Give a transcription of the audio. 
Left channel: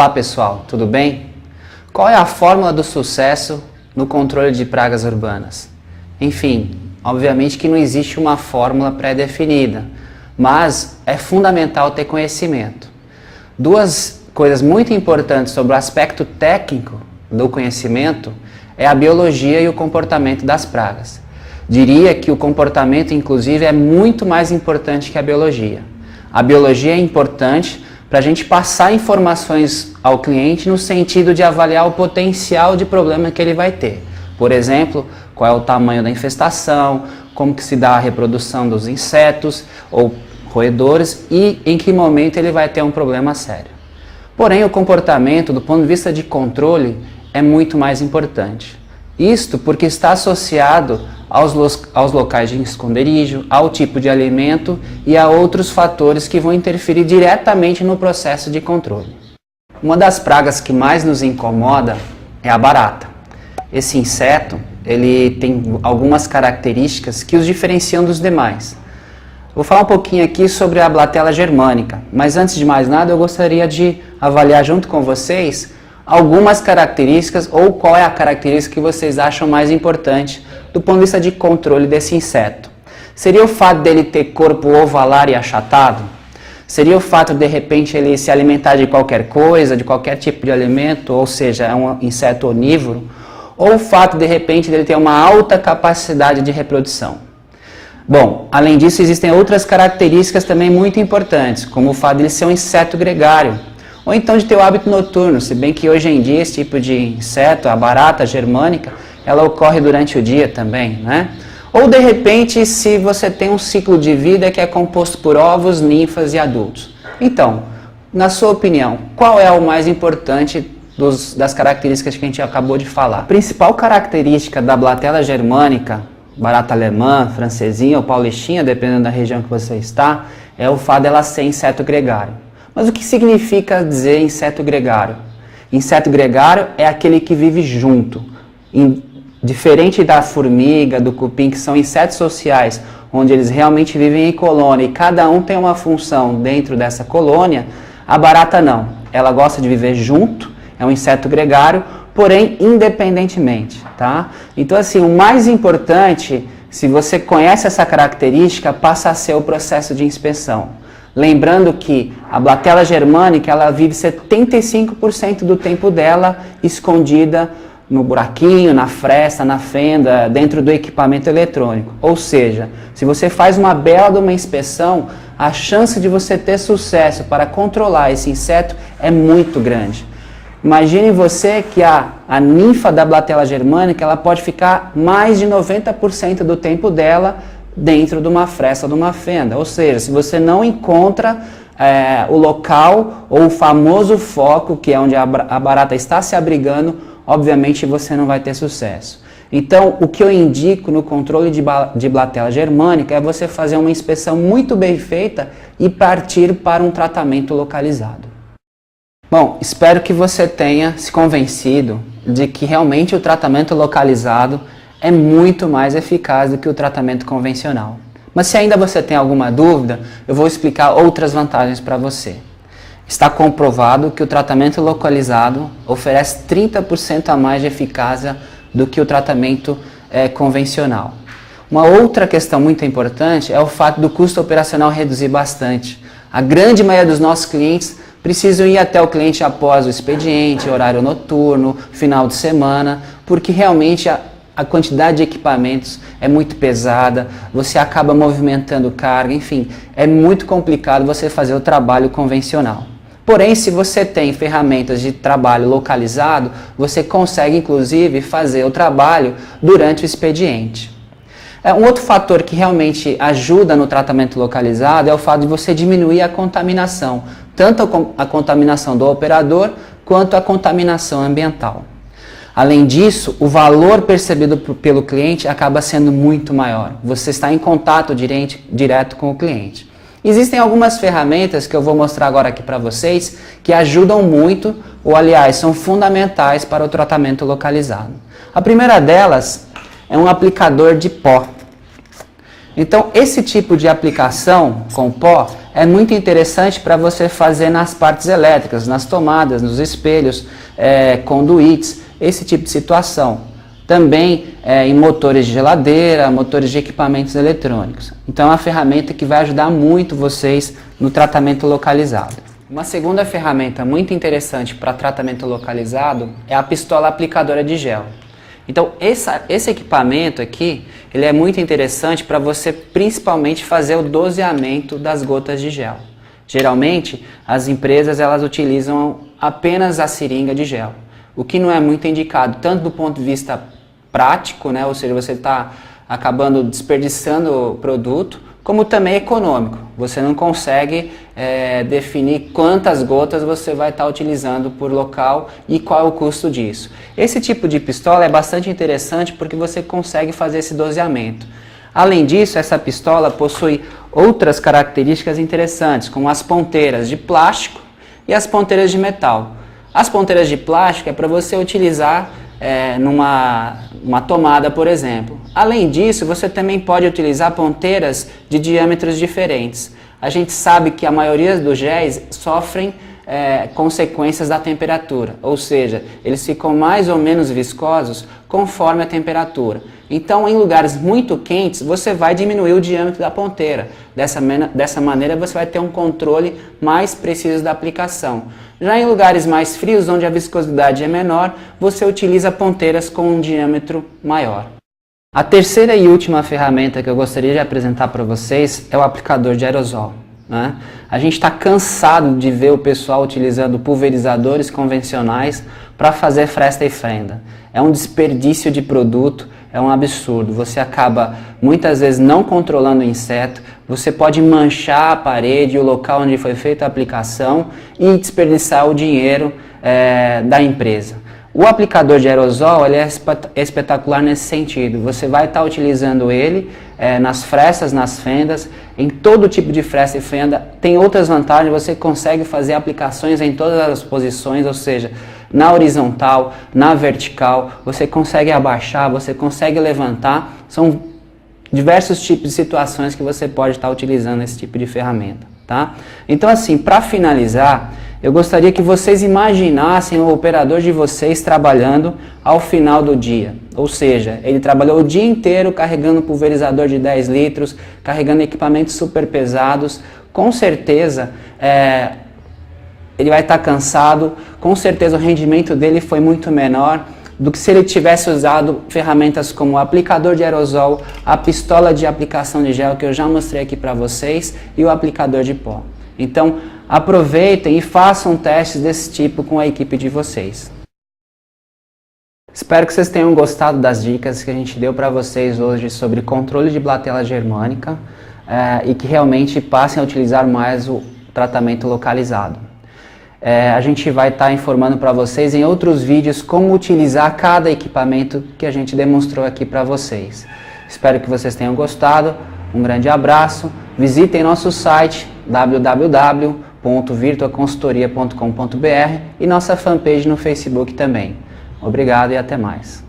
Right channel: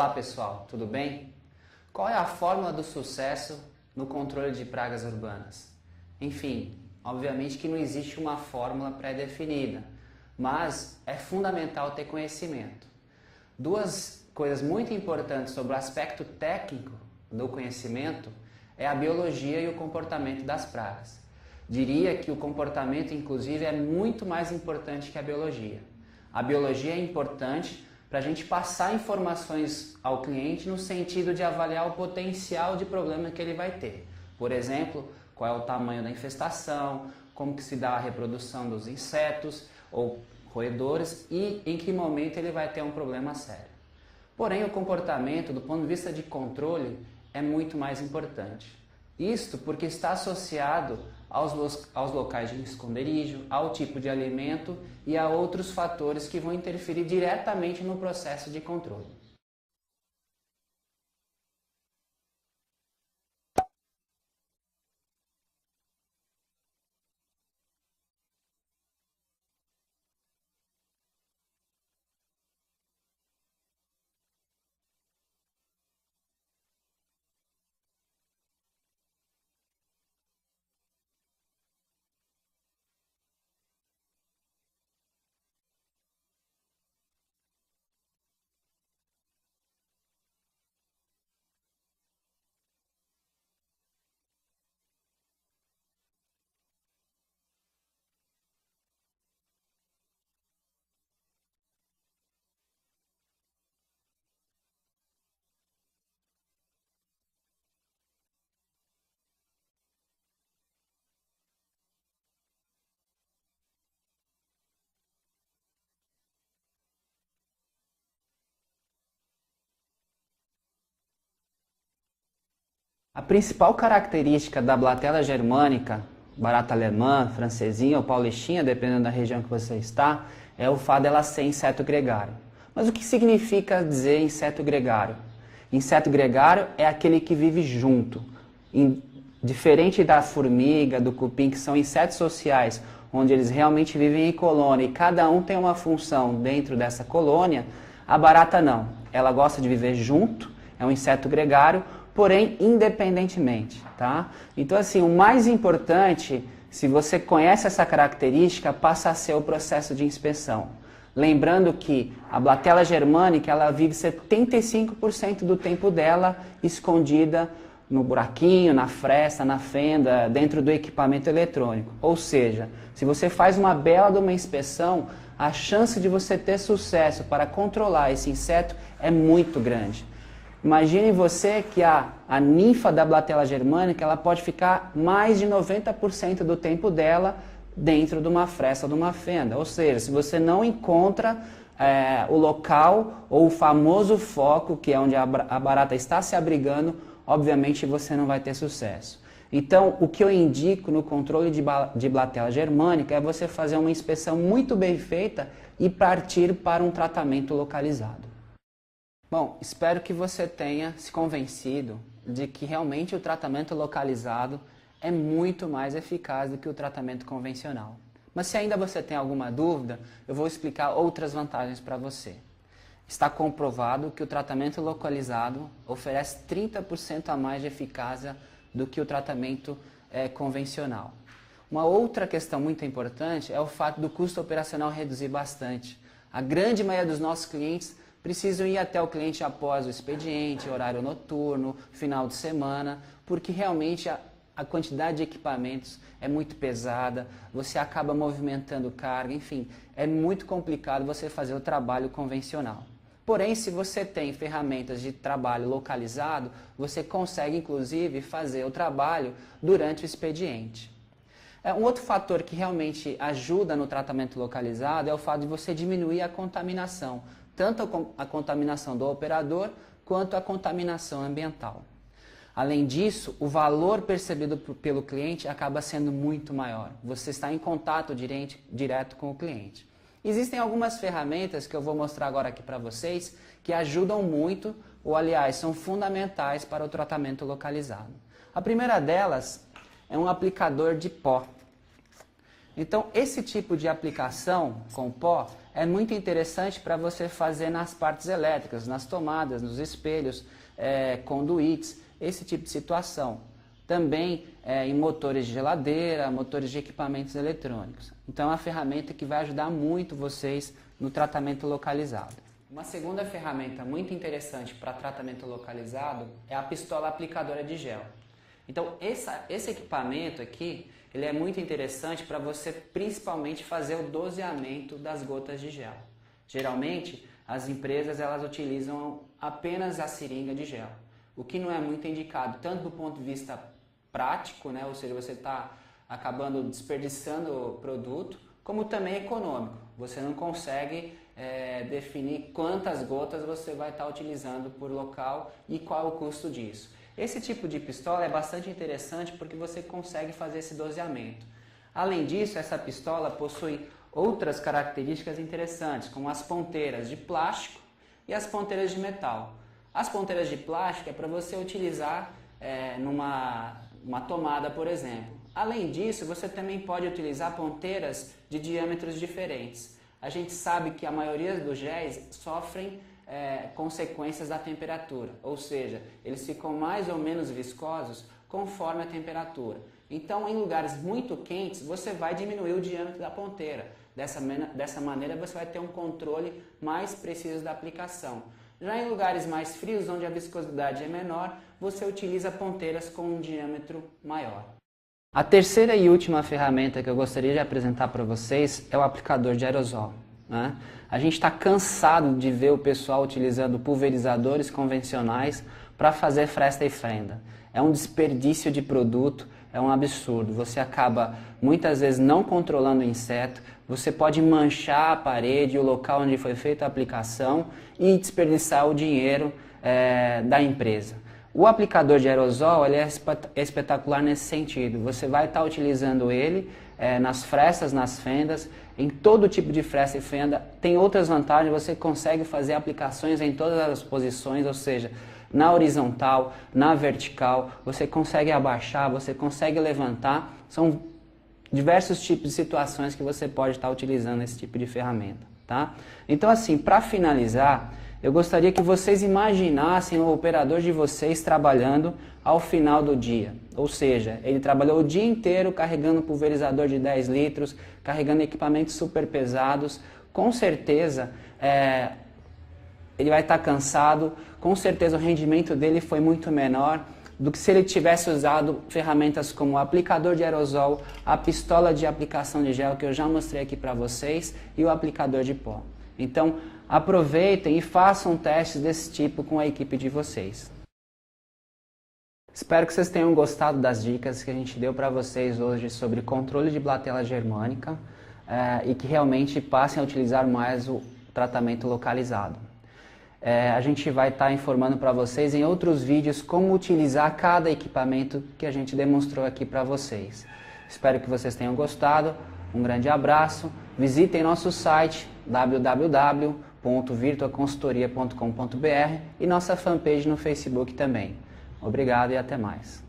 Olá pessoal, tudo bem? Qual é a fórmula do sucesso no controle de pragas urbanas? Enfim, obviamente que não existe uma fórmula pré-definida, mas é fundamental ter conhecimento. Duas coisas muito importantes sobre o aspecto técnico do conhecimento é a biologia e o comportamento das pragas. Diria que o comportamento, inclusive, é muito mais importante que a biologia. A biologia é importante para a gente passar informações ao cliente no sentido de avaliar o potencial de problema que ele vai ter. Por exemplo, qual é o tamanho da infestação, como que se dá a reprodução dos insetos ou roedores e em que momento ele vai ter um problema sério. Porém, o comportamento, do ponto de vista de controle, é muito mais importante. Isto porque está associado aos locais de esconderijo, ao tipo de alimento e a outros fatores que vão interferir diretamente no processo de controle. Uma das pragas que mais nos incomoda é a barata. Esse inseto, ele tem algumas características que os diferenciam dos demais. Vou falar um pouquinho aqui sobre a Blatella germânica, mas antes de mais nada eu gostaria de avaliar junto com vocês algumas características ou qual é a característica que vocês acham mais importante do ponto de vista de controle desse inseto. Seria o fato dele ter corpo ovalar e achatado? Seria o fato de repente ele se alimentar de qualquer coisa, de qualquer tipo de alimento, ou seja, é um inseto onívoro? Ou o fato de repente dele ter uma alta capacidade de reprodução? Bom, além disso existem outras características também muito importantes, como o fato de ele ser um inseto gregário, ou então de ter o hábito noturno, se bem que hoje em dia esse tipo de inseto, a barata germânica, ela ocorre durante o dia também, né? Ou de repente se você tem um ciclo de vida que é composto por ovos, ninfas e adultos. Então, na sua opinião, qual é o mais importante das características que a gente acabou de falar? A principal característica da Blatella germânica, barata alemã, francesinha ou paulistinha, dependendo da região que você está, é o fato dela ser inseto gregário. Mas o que significa dizer inseto gregário? Inseto gregário é aquele que vive junto. Diferente da formiga, do cupim, que são insetos sociais, onde eles realmente vivem em colônia e cada um tem uma função dentro dessa colônia, a barata não. Ela gosta de viver junto, é um inseto gregário, porém independentemente, tá? Então assim, o mais importante, se você conhece essa característica, passa a ser o processo de inspeção. Lembrando que a Blatella germânica, ela vive 75% do tempo dela escondida no buraquinho, na fresta, na fenda, dentro do equipamento eletrônico. Ou seja, se você faz uma bela de uma inspeção, a chance de você ter sucesso para controlar esse inseto é muito grande. Imagine você que a ninfa da Blatella germânica, ela pode ficar mais de 90% do tempo dela dentro de uma fresta ou de uma fenda. Ou seja, se você não encontra o local ou o famoso foco, que é onde a barata está se abrigando, obviamente você não vai ter sucesso. Então, o que eu indico no controle de Blatella germânica é você fazer uma inspeção muito bem feita e partir para um tratamento localizado. Bom, espero que você tenha se convencido de que realmente o tratamento localizado é muito mais eficaz do que o tratamento convencional. Mas se ainda você tem alguma dúvida, eu vou explicar outras vantagens para você. Está comprovado que o tratamento localizado oferece 30% a mais de eficácia do que o tratamento convencional. Uma outra questão muito importante é o fato do custo operacional reduzir bastante. A grande maioria dos nossos clientes precisam ir até o cliente após o expediente, horário noturno, final de semana, porque realmente a quantidade de equipamentos é muito pesada, você acaba movimentando carga, enfim, é muito complicado você fazer o trabalho convencional. Porém, se você tem ferramentas de trabalho localizado, você consegue inclusive fazer o trabalho durante o expediente. Um outro fator que realmente ajuda no tratamento localizado é o fato de você diminuir a contaminação, tanto a contaminação do operador quanto a contaminação ambiental. Além disso, o valor percebido pelo cliente acaba sendo muito maior. Você está em contato direto com o cliente. Existem algumas ferramentas que eu vou mostrar agora aqui para vocês que ajudam muito, ou aliás, são fundamentais para o tratamento localizado. A primeira delas é um aplicador de pó. Então, esse tipo de aplicação com pó é muito interessante para você fazer nas partes elétricas, nas tomadas, nos espelhos, conduítes, esse tipo de situação. Também em motores de geladeira, motores de equipamentos eletrônicos. Então é uma ferramenta que vai ajudar muito vocês no tratamento localizado. Uma segunda ferramenta muito interessante para tratamento localizado é a pistola aplicadora de gel. Então esse equipamento aqui, ele é muito interessante para você principalmente fazer o doseamento das gotas de gel. Geralmente as empresas elas utilizam apenas a seringa de gel, o que não é muito indicado tanto do ponto de vista prático, né? Ou seja, você está acabando desperdiçando o produto, como também econômico. Você não consegue definir quantas gotas você vai estar utilizando por local e qual é o custo disso. Esse tipo de pistola é bastante interessante porque você consegue fazer esse doseamento. Além disso, essa pistola possui outras características interessantes, como as ponteiras de plástico e as ponteiras de metal. As ponteiras de plástico é para você utilizar numa tomada, por exemplo. Além disso, você também pode utilizar ponteiras de diâmetros diferentes. A gente sabe que a maioria dos géis sofrem consequências da temperatura, ou seja, eles ficam mais ou menos viscosos conforme a temperatura. Então, em lugares muito quentes, você vai diminuir o diâmetro da ponteira. Dessa maneira, você vai ter um controle mais preciso da aplicação. Já em lugares mais frios, onde a viscosidade é menor, você utiliza ponteiras com um diâmetro maior. A terceira e última ferramenta que eu gostaria de apresentar para vocês é o aplicador de aerosol, né? A gente está cansado de ver o pessoal utilizando pulverizadores convencionais para fazer fresta e fenda. É um desperdício de produto, é um absurdo. Você acaba muitas vezes não controlando o inseto, você pode manchar a parede, o local onde foi feita a aplicação e desperdiçar o dinheiro da empresa. O aplicador de aerosol ele é espetacular nesse sentido. Você vai estar utilizando ele nas frestas, nas fendas, em todo tipo de fresta e fenda. Tem outras vantagens, você consegue fazer aplicações em todas as posições, ou seja, na horizontal, na vertical, você consegue abaixar, você consegue levantar. São diversos tipos de situações que você pode estar utilizando esse tipo de ferramenta, tá? Então assim, para finalizar, eu gostaria que vocês imaginassem o operador de vocês trabalhando ao final do dia. Ou seja, ele trabalhou o dia inteiro carregando pulverizador de 10 litros, carregando equipamentos super pesados. Com certeza, ele vai estar cansado, com certeza o rendimento dele foi muito menor do que se ele tivesse usado ferramentas como o aplicador de aerosol, a pistola de aplicação de gel que eu já mostrei aqui para vocês e o aplicador de pó. Então, aproveitem e façam testes desse tipo com a equipe de vocês. Espero que vocês tenham gostado das dicas que a gente deu para vocês hoje sobre controle de blatela germânica e que realmente passem a utilizar mais o tratamento localizado. A gente vai estar informando para vocês em outros vídeos como utilizar cada equipamento que a gente demonstrou aqui para vocês. Espero que vocês tenham gostado. Um grande abraço. Visitem nosso site www.virtuaconsultoria.com.br e nossa fanpage no Facebook também. Obrigado e até mais.